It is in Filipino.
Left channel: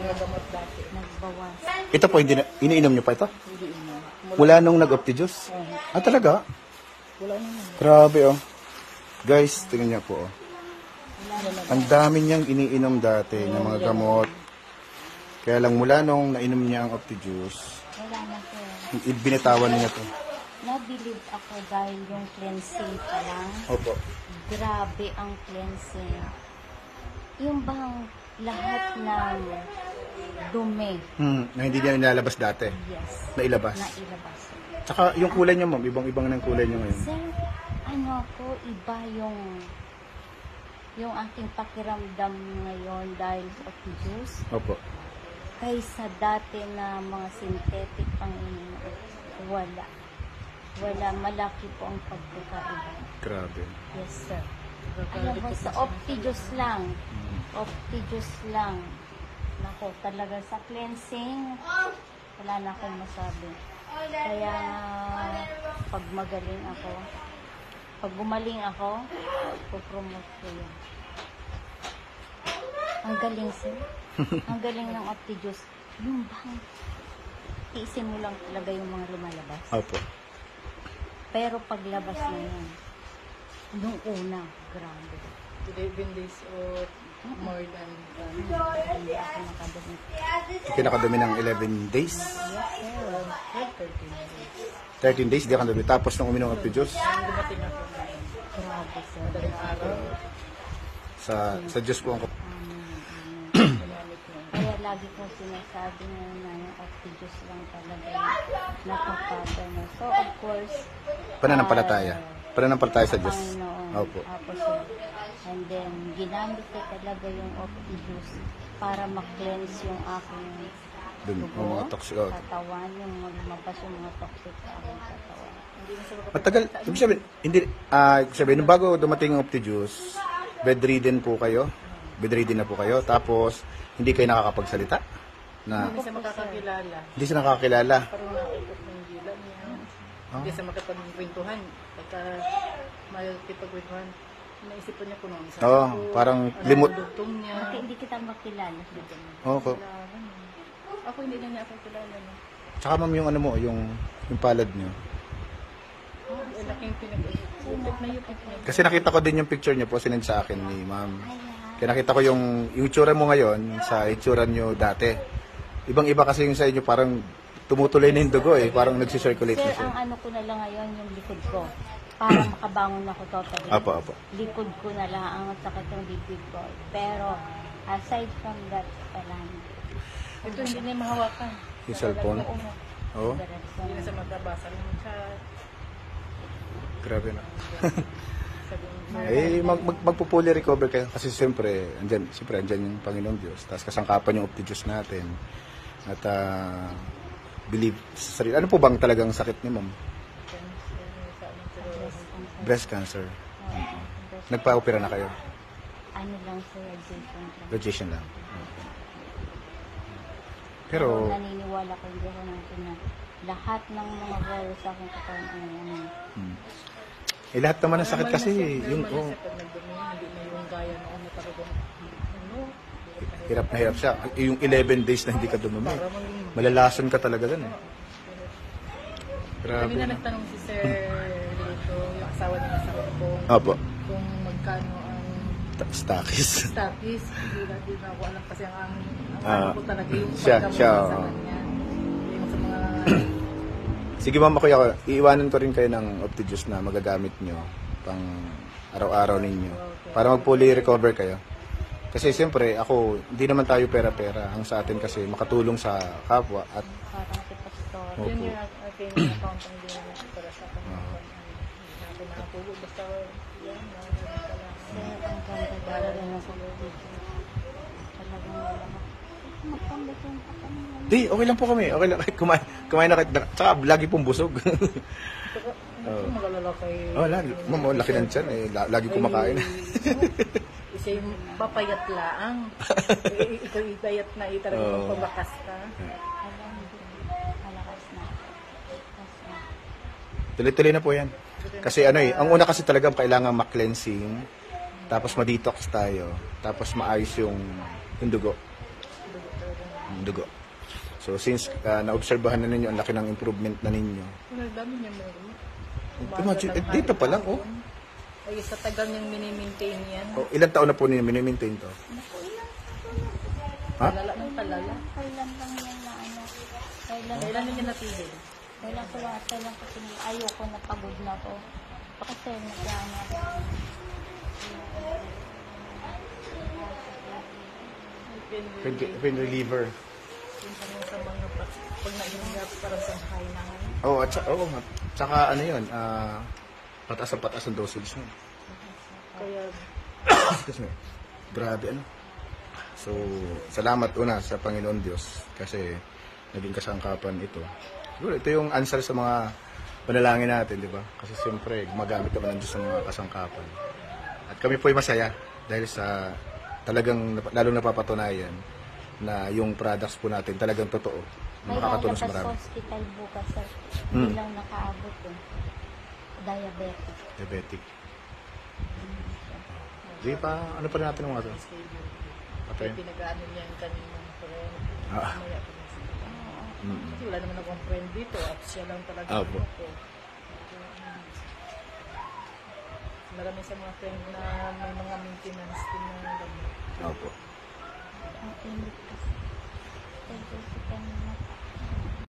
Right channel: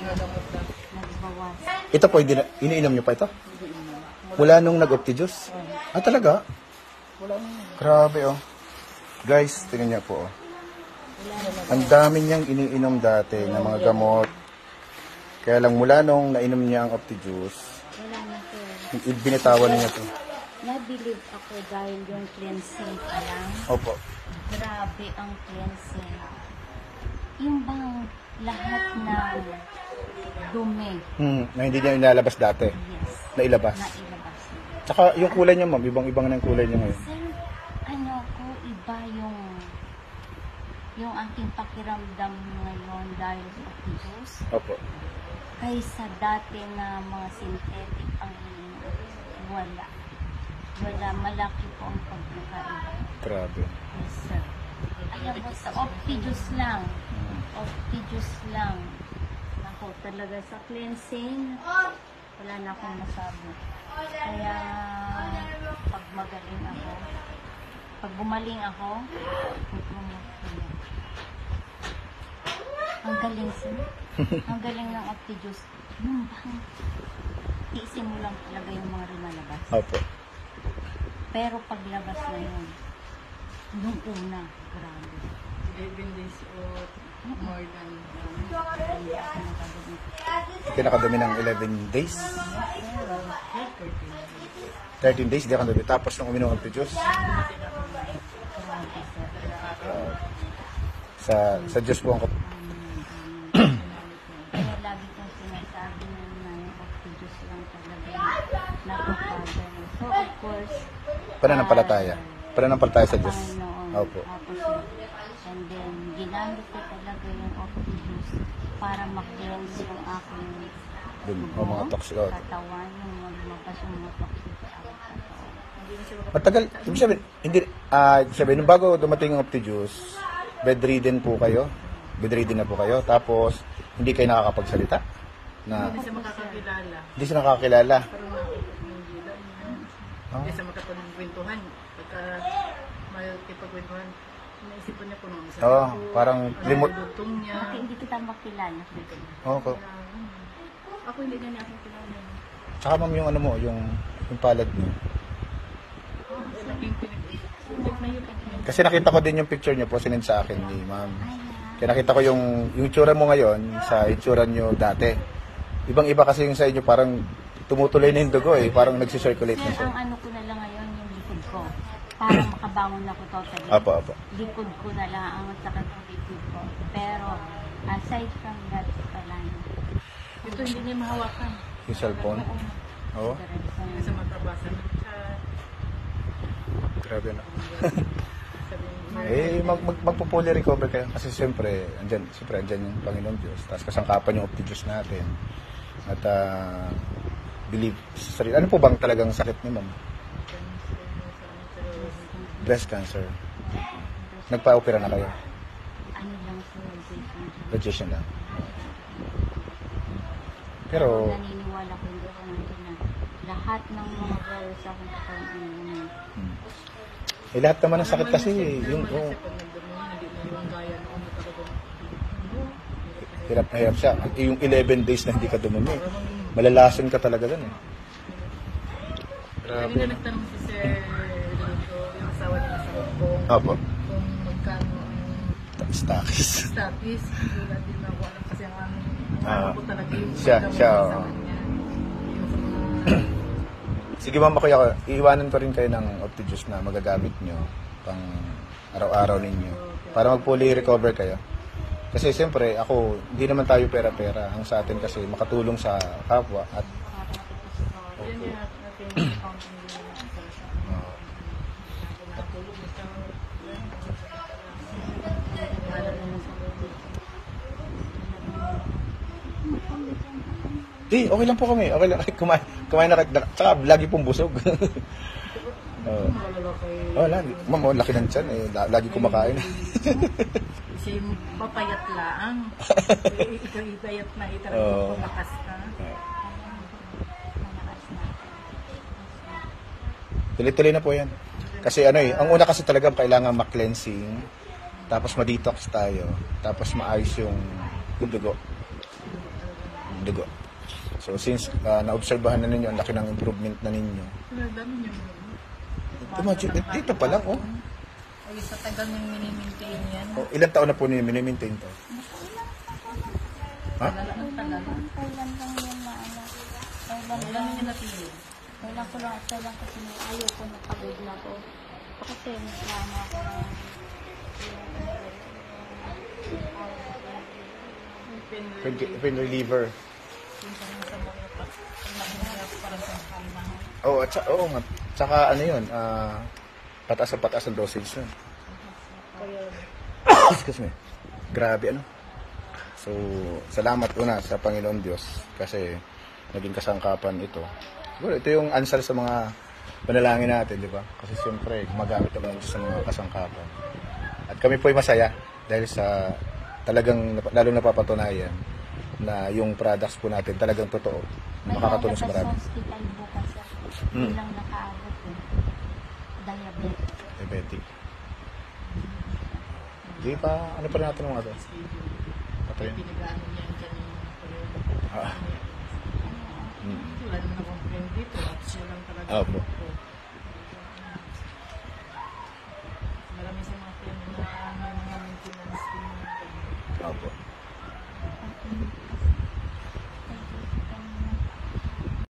Nagamot dati. Nagbawas. Ito po, hindi na, iniinom niyo pa ito? Wala nung nag-opti-juice? Ah, talaga? Grabe, oh. Guys, tingnan niyo po, oh. Ang dami niyang iniinom dati ng mga gamot. Kaya lang mula nung nainom niya ang opti-juice, Wala na po. binitawan niya to. Nabilib ako dahil yung cleansing pa lang. Opo. Grabe ang cleansing. Yung bang lahat ng dumi. Na hindi niya nilalabas dati. Yes. Nailabas. Nailabas. Tsaka yung kulay niya, ma'am, ibang-ibang na yung kulay niya ngayon. So, ano ko, iba yung aking pakiramdam ngayon dahil sa juice. Opo. Kaysa dati na mga synthetic ang wala. Wala, malaki po ang pagkakaiba. Grabe. Yes, sir. Alam mo, sa Opti-Juice lang. Opti-Juice lang. Nako, talaga sa cleansing, wala na akong masabi. Kaya, pag magaling ako, pag gumaling ako, pupromote ko yan. Ang galing, sir. Ang galing ng Opti-Juice. Yung bang, iisin mo lang talaga yung mga lumalabas. Opo. Pero paglabas na yan, yung una, grabe. 11 days or more than Hindi ako nakadumi. Pinakadumi ng 11 days. Yes, sir. 13 days, di ka nadumi. Tapos nung uminom ng opti-juice, Grabe, sir. sa Diyos po ang Kaya lagi kong sinasabi na yung Opti-Juice lang talaga yung nakakaga na. So, of course, pananampalataya. Pananampalataya sa Diyos. Panginoon. Opo. Ako, sir. And then, ginamit ko talaga yung Opti-Juice para ma-cleanse yung aking Dun, ang mga toxic. katawan, yung lumabas yung mga toxic sa aking katawan. Matagal, ibig sabihin, hindi, sabihin, bago dumating ang opti-juice, bedridden po kayo, bedridden na po kayo, tapos, hindi kayo nakakapagsalita, na, hindi sa makakakilala. hindi siya nakakilala. Parang maikot ng bilang. Hindi sa makapagkwentuhan. Pagka malapit-pagkwentuhan, iniisipan niya kung ano sa Oo, parang limit. dugtong niya. Bakit hindi kita makilala? Okay. Ako hindi na niya ako kilala. Tsaka ma'am yung ano mo, yung palad niyo. Laking pinag-ulit na yung pagkain. Kasi nakita ko din yung picture niyo po, sinend sa akin ni ma'am. Kaya nakita ko yung itsura mo ngayon sa itsura niyo dati. Ibang-iba kasi yung sa inyo, parang tumutuloy na yung dugo eh, parang nagsi-circulate na Sir, siya. ang ano ko na lang ngayon, yung likod ko. Para makabangon ako totally. Apo, apo. Likod ko na lang ang sakit ng likod ko. Pero, aside from that, lang. Ito hindi niya mahawakan. Yung cellphone. Oo. Yung sa magbabasa ng sa Grabe na. Magpo-fully recover kayo kasi siyempre andyan yung Panginoon Diyos. Tapos kasangkapan yung opti-Diyos natin. At believe sa sarili. Ano po bang talagang sakit niyo, ma'am? Breast cancer. Nagpa-opera na kayo? Ano lang siya, Radiation lang. Pero, naniniwala ko hindi ako natin na lahat ng mga gawin sa akin sa ano. lahat naman ng sakit kasi, yung, hirap na hirap siya. Yung 11 days na hindi ka dumumi, malalason ka talaga dun eh. Grabe na. tanong si Sir yung asawa na si Opo. yung magkano ang Status. status. Hindi na ako alam kasi ang Oo. ko talaga yung Siya. Sige ma'am, kaya iiwanin ko rin kayo ng opti-juice na magagamit nyo pang araw-araw ninyo para mag-fully recover kayo. Kasi siyempre, ako, hindi naman tayo pera-pera. Ang sa atin kasi makatulong sa kapwa at Para ko pastor. opo. Okay lang po kami. Okay lang. Kumain na kayo. Tsaka lagi pong busog. Lagi. Ma'am, laki ng tiyan eh. Lagi kumakain. Isa yung papayat laang. Ikaw ipayat na Oo. ipabakas ka. Malakas na. Tuloy-tuloy na po yan. Kasi ano eh, ang una kasi talagang kailangan ma-cleansing, tapos ma-detox tayo, tapos maayos yung dugo. dugo. So since naobserbahan na ninyo ang laki ng improvement na ninyo. Ang dami niya mo. Dito pa lang, oh. Ay, sa tagal niyang minimaintain yan. Oh, ilang taon na po ninyo minimaintain to? Naku, ilang taon na po. Ha? Lala ng palala. Kailan lang yan na ano. Kailan Wala lang. namin natulog. Kailan ko lang at kailan ko ayoko na pangod na. Kasi nag-ano ako ng Pain reliever. Yung pang sa mga pag na-inlet pa rin sa hal na yan. Oo, at saka ano yun, pataas ang dosage nun. Kaya, Excuse me. Grabe ano. So, salamat una sa Panginoon Diyos kasi naging kasangkapan ito. Siguro ito yung answer sa mga panalangin natin, di ba? Kasi siyempre, gumagamit naman Diyos sa mga kasangkapan. At kami po ay masaya dahil sa talagang lalong napapatunayan na yung products po natin talagang totoo. Nakakatulong sa marami. Sa hospital bukas sir. Hmm. Bilang nakaabot yun. Diabetic. Diabetic. Di pa, ano pa rin natin mga to? Patayin. pinag-ano niya yung kanina. Ah. Wala naman akong friend dito at siya lang talaga. Ah, po. Marami sa mga friend na may mga maintenance na Opo. Ang init kasi. Kaya kasi kanina.